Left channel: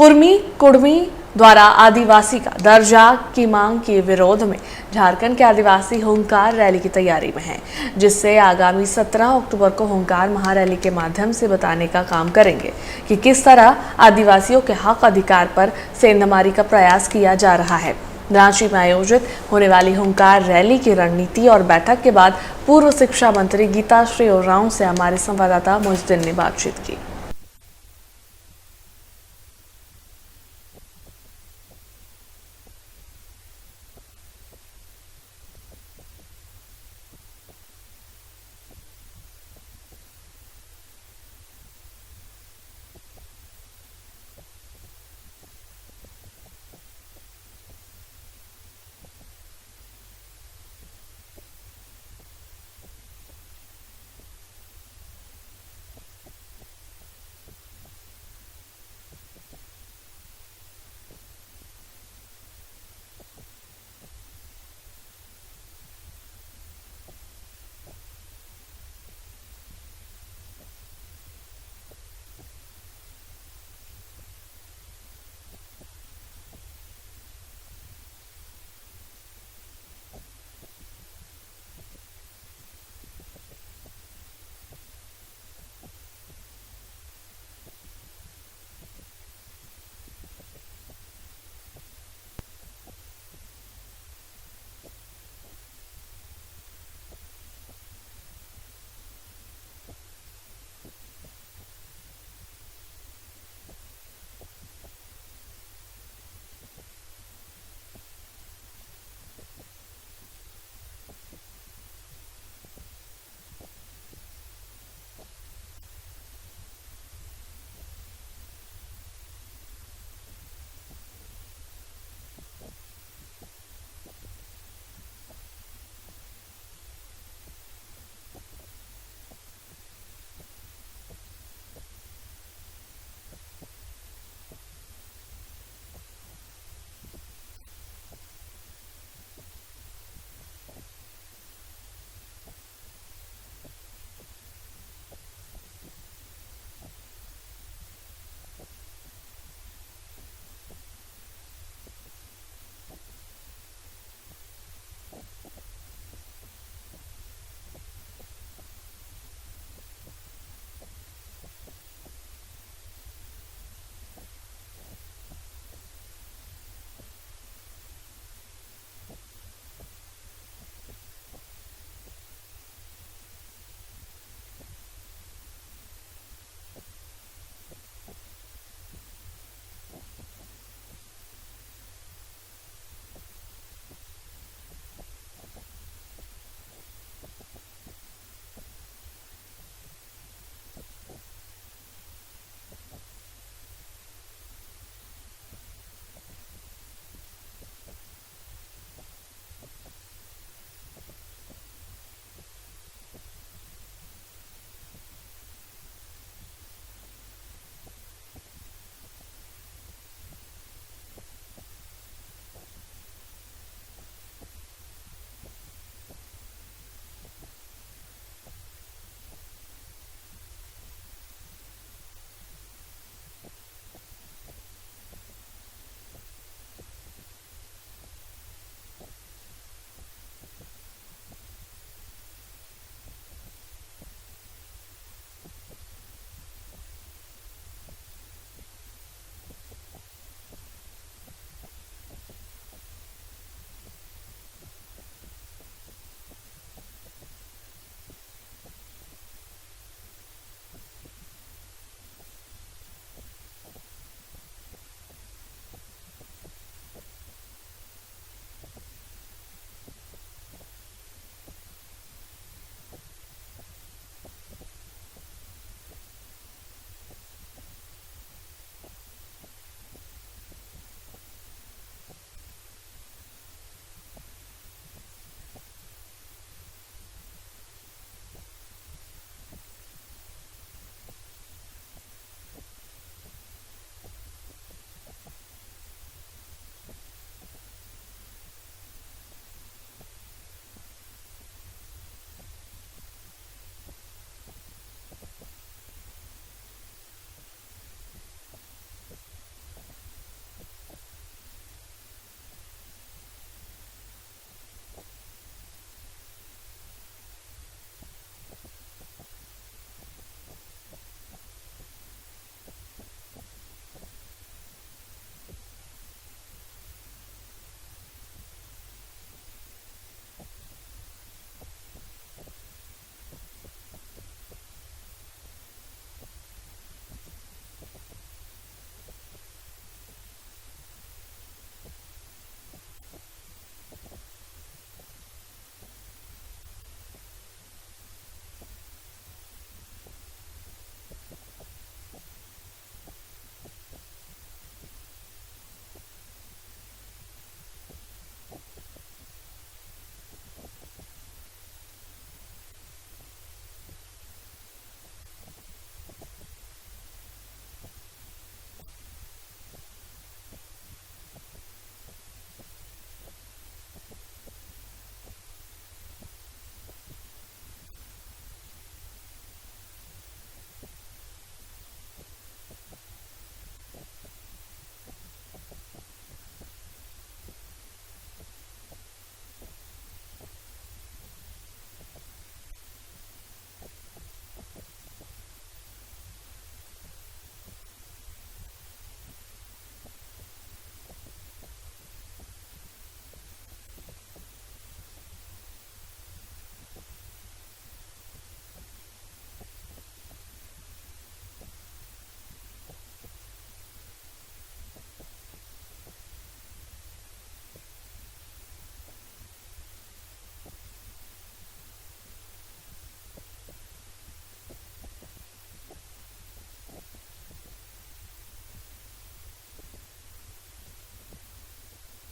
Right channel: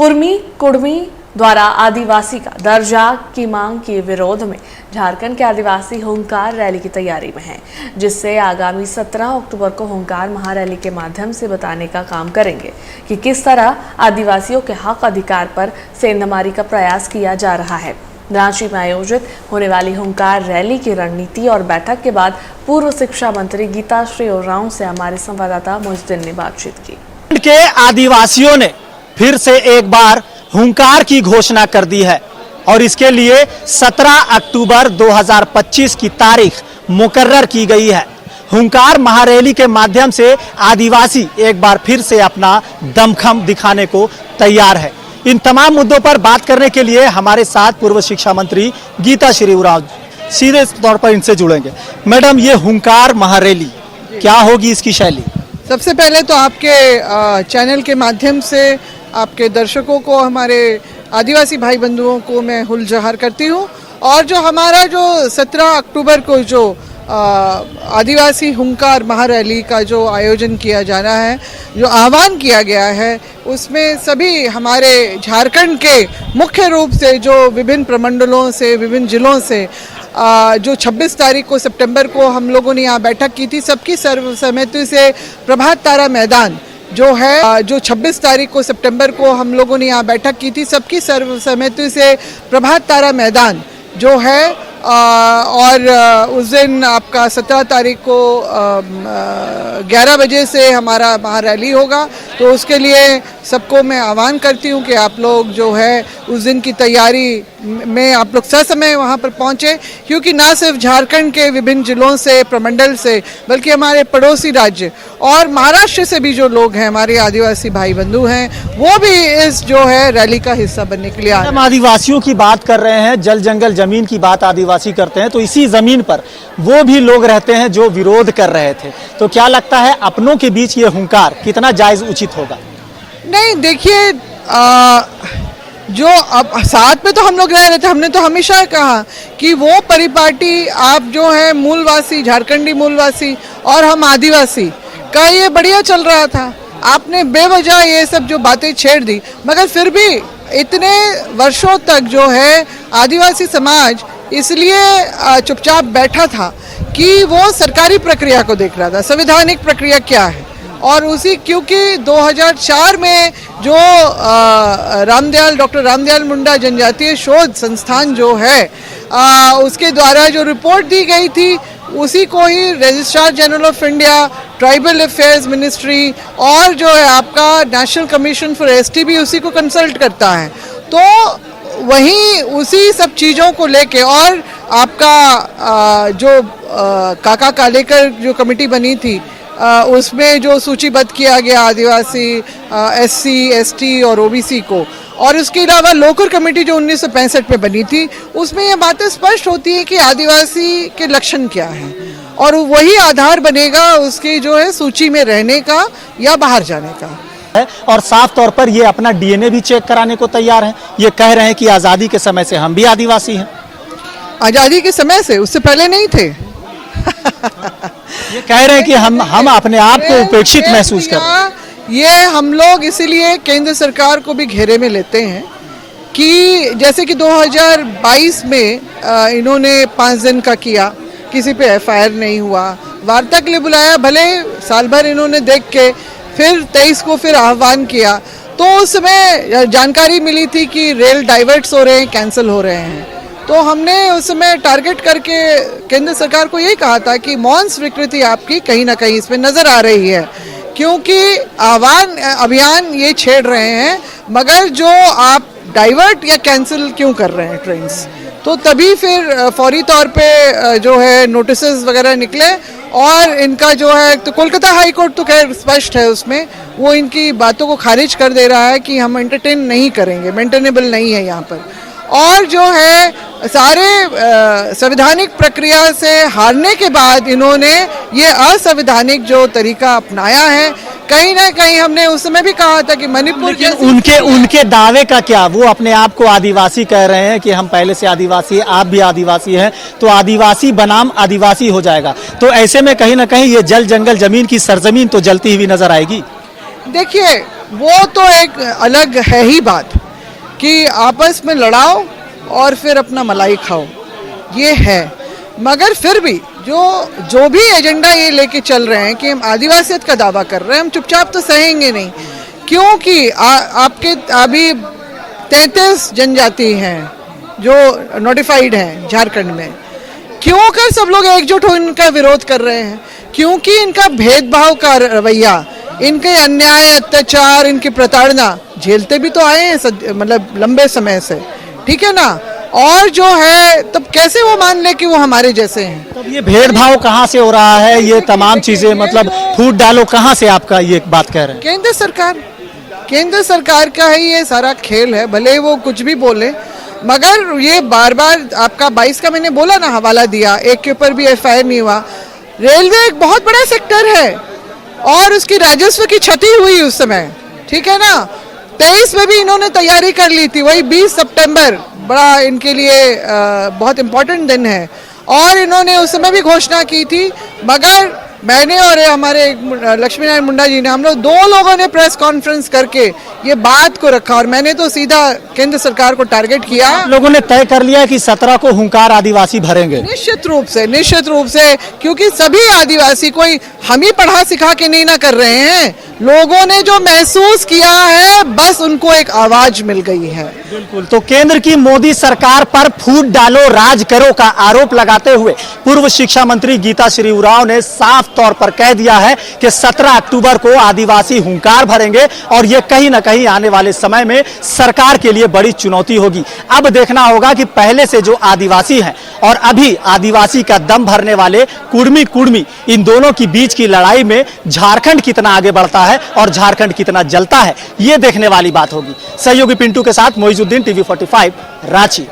कुर्मी कुड़मी द्वारा आदिवासी का दर्जा की मांग के विरोध में झारखंड के आदिवासी होंकार रैली की तैयारी में हैं, जिससे आगामी 17 अक्टूबर को होंकार महारैली के माध्यम से बताने का काम करेंगे कि किस तरह आदिवासियों के हक अधिकार पर सेंधमारी का प्रयास किया जा रहा है। रांची में आयोजित होने वाली होंकार रैली की रणनीति और बैठक के बाद पूर्व शिक्षा मंत्री गीताश्री उरांव से हमारे संवाददाता मुजद्दिन ने बातचीत की। के आदिवासियों ने फिर से एक बार हुंकार की घोषणा कर दी है और इसके लिए 17 अक्टूबर 2025 की तारीख मुकर्रर की गई है। हुंकार महारैली के माध्यम से आदिवासी एक बार फिर से अपना दमखम दिखाने को तैयार है। इन तमाम मुद्दों पर बात करने के लिए हमारे साथ पूर्व शिक्षा मंत्री गीताश्री उरांव सीधे तौर पर इनसे जुड़ेंगे। मैडम, ये हुंकार महारैली क्या होगी, इसकी शैली? सबसे पहले तो आपके चैनल के माध्यम से आपके दर्शकों को, हमारे आदिवासी भाई बंधुओं को मैं हुल जहार करती हूँ। और जो हमारा जो 17 अक्टूबर को जो आदिवासी हुंकार महारैली का जो आयोजन किया जाना है, जो आह्वान किया गया है, उसमें सभी हमारे झारखंड के मुख्य रूप से जो विभिन्न प्रमंडलों से, विभिन्न जिलों से जो 26 तारीख को सितंबर को हम लोगों ने यहाँ बैठक की थी, सबकी सर्वसम्मति से प्रभात तारा मैदान जो है, जो 26 तारीख को सितंबर को हम लोगों ने यहाँ बैठक की थी, सबकी सर्वसम्मति से प्रभात तारा मैदान जो है, और उस दिन आपका 17 तारीख को 11 बजे से हमारा महारैली होगा। तो उसके लिए सबको मैं आह्वान करती हूँ कि आप लोग जो है उस दिन की तैयारी में आप लोग ससमय वहाँ पर पहुँचे, क्योंकि ना सिर्फ झारखंड के विभिन्न जिलों से, प्रमंडल से, बल्कि हमारे पड़ोसी राज्य और महाराष्ट्र से भी जो लोग हैं, हमारे आदिवासी भाई बंधु हैं, वो भी इस जो है रैली का हिस्सा बनने के लिए आए। हम आदिवासियों की बात कर रहे हैं, जल जंगल जमीन की बात आदिवासी करते हैं, तो इसी जमीन पर वो भी लोग रहते हैं जो विरोध कर रहे थे। तो क्या लगता है अपनों के बीच ये हुंकार कितना जायज उचित होगा? नहीं, देखिए, जो अब साथ में तो हम लोग रह रहे थे, हमने तो हमेशा कहा कि वो परिपाटी आप जो है मूलवासी, झारखंडी मूलवासी और हम आदिवासी का ये बढ़िया चल रहा था। आपने बेवजह ये सब जो बातें छेड़ दी, मगर फिर भी इतने वर्षों तक जो है आदिवासी समाज इसलिए चुपचाप बैठा था कि वो सरकारी प्रक्रिया को देख रहा था, संवैधानिक प्रक्रिया क्या है। और उसी, क्योंकि 2004 में जो डॉक्टर रामदयाल मुंडा जनजातीय शोध संस्थान जो है, उसके द्वारा जो रिपोर्ट दी गई थी, उसी को ही registrar general of India, tribal affairs ministry और जो है आपका नेशनल कमीशन फॉर एसटी भी उसी को कंसल्ट करता है। तो वहीं उसी सब चीज़ों को लेके और आपका जो काका कालेकर जो कमेटी बनी थी, उसमें जो सूचीबद्ध किया गया आदिवासी, एससी, एसटी और ओबीसी को, और उसके अलावा लोकर कमेटी जो 1965 में बनी थी, उसमें ये बातें स्पष्ट होती है कि आदिवासी के लक्षण क्या हैं, और वही आधार बनेगा उसकी जो है सूची में रहने का या बाहर जाने का। और साफ तौर पर ये अपना डीएनए भी चेक कराने को तैयार हैं। ये कह रहे हैं कि आज़ादी के समय से हम भी आदिवासी हैं। आज़ादी के समय से, उससे पहले नहीं थे। ये कह रहे हैं कि हम अपने आप को उपेक्षित महसूस कर रहे हैं। ये हम लोग इसीलिए केंद्र सरकार को भी घेरे में लेते हैं कि जैसे कि 2022 में इन्होंने 5 दिन का किया, किसी पे एफआईआर नहीं हुआ, वार्ता के लिए बुलाया, भले साल भर इन्होंने देख के फिर 23 को फिर आह्वान किया, तो उस समय जानकारी मिली थी कि रेल डाइवर्ट्स हो रहे हैं, कैंसिल हो रहे हैं। तो हमने उस समय टारगेट करके केंद्र सरकार को यही कहा था कि मौन स्वीकृति आपकी कहीं ना कहीं इसमें नजर आ रही है, क्योंकि आह्वान अभियान ये छेड़ रहे हैं, मगर जो आप डाइवर्ट या कैंसिल क्यों कर रहे हैं ट्रेन्स। तो तभी फिर फौरी तौर पे जो है नोटिसेस वगैरह निकले, और इनका जो है, तो कोलकाता हाई कोर्ट तो खैर स्पष्ट है, उसमें वो इनकी बातों को खारिज कर दे रहा है कि हम एंटरटेन नहीं करेंगे, मेंटेनेबल नहीं है यहाँ पर। और जो है सारे संवैधानिक प्रक्रिया से हारने के बाद इन्होंने ये असंवैधानिक जो तरीका अपनाया है, कहीं ना कहीं हमने उस समय भी कहा था कि मणिपुर के उनके दावे का क्या, वो अपने आप को आदिवासी कह रहे हैं कि हम पहले से आदिवासी, आप भी आदिवासी हैं, तो आदिवासी बनाम आदिवासी हो जाएगा। तो ऐसे में कहीं ना कहीं ये जल जंगल जमीन की सरजमीन तो जलती हुई नजर आएगी। देखिए, वो तो एक अलग है ही बात कि आपस में लड़ाओ और फिर अपना मलाई खाओ, ये है। मगर फिर भी जो भी एजेंडा ये लेके चल रहे हैं कि हम आदिवासियत का दावा कर रहे हैं, हम चुपचाप तो सहेंगे नहीं, क्योंकि आपके अभी 33 जनजाति हैं जो नोटिफाइड हैं झारखंड में। क्यों कर सब लोग एकजुट हो इनका विरोध कर रहे हैं? क्योंकि इनका भेदभाव का रवैया, इनके अन्याय, अत्याचार, इनकी प्रताड़ना झेलते भी तो आए हैं मतलब लंबे समय से, ठीक है ना। और जो है तब कैसे वो मान ले कि वो हमारे जैसे हैं? तब ये भेदभाव कहाँ से हो रहा है? ये तमाम चीजें मतलब फूट डालो कहाँ से आपका ये बात कह रहे हैं? केंद्र सरकार का ही ये सारा खेल है। भले वो कुछ भी बोले, मगर ये बार बार आपका 22 का मैंने बोला ना, हवाला दिया, एक के ऊपर भी FIR नहीं हुआ। रेलवे एक बहुत बड़ा सेक्टर है और उसकी राजस्व की क्षति हुई उस समय, ठीक है ना। 23 में भी इन्होंने तैयारी कर ली थी, वही 20 सितंबर बड़ा इनके लिए बहुत इम्पोर्टेंट दिन है और इन्होंने उस समय भी घोषणा की थी। मगर मैंने और हमारे लक्ष्मी नारायण मुंडा जी ने, हम लोग 2 लोगों ने प्रेस कॉन्फ्रेंस करके ये बात को रखा और मैंने तो सीधा केंद्र सरकार को टारगेट किया। लोगों ने तय कर लिया कि 17 को हुंकार आदिवासी भरेंगे। निश्चित रूप से, क्योंकि सभी आदिवासी, कोई हम ही पढ़ा सिखा के नहीं ना कर रहे हैं, लोगों ने जो महसूस किया है बस उनको एक आवाज मिल गई है। बिल्कुल। तो केंद्र की मोदी सरकार पर फूट डालो राज करो का आरोप लगाते हुए पूर्व शिक्षा मंत्री गीता श्री उरांव ने साफ तौर पर कह दिया है कि 17 अक्टूबर को आदिवासी हुंकार भरेंगे और ये कहीं ना कहीं आने वाले समय में सरकार के लिए बड़ी चुनौती होगी। अब देखना होगा कि पहले से जो आदिवासी हैं और अभी आदिवासी का दम भरने वाले कुर्मी इन दोनों की बीच की लड़ाई में झारखंड कितना आगे बढ़ता है और झारखंड कितना जलता है, ये देखने वाली बात होगी। सहयोगी पिंटू के साथ मोइजुद्दीन, TV 45, रांची।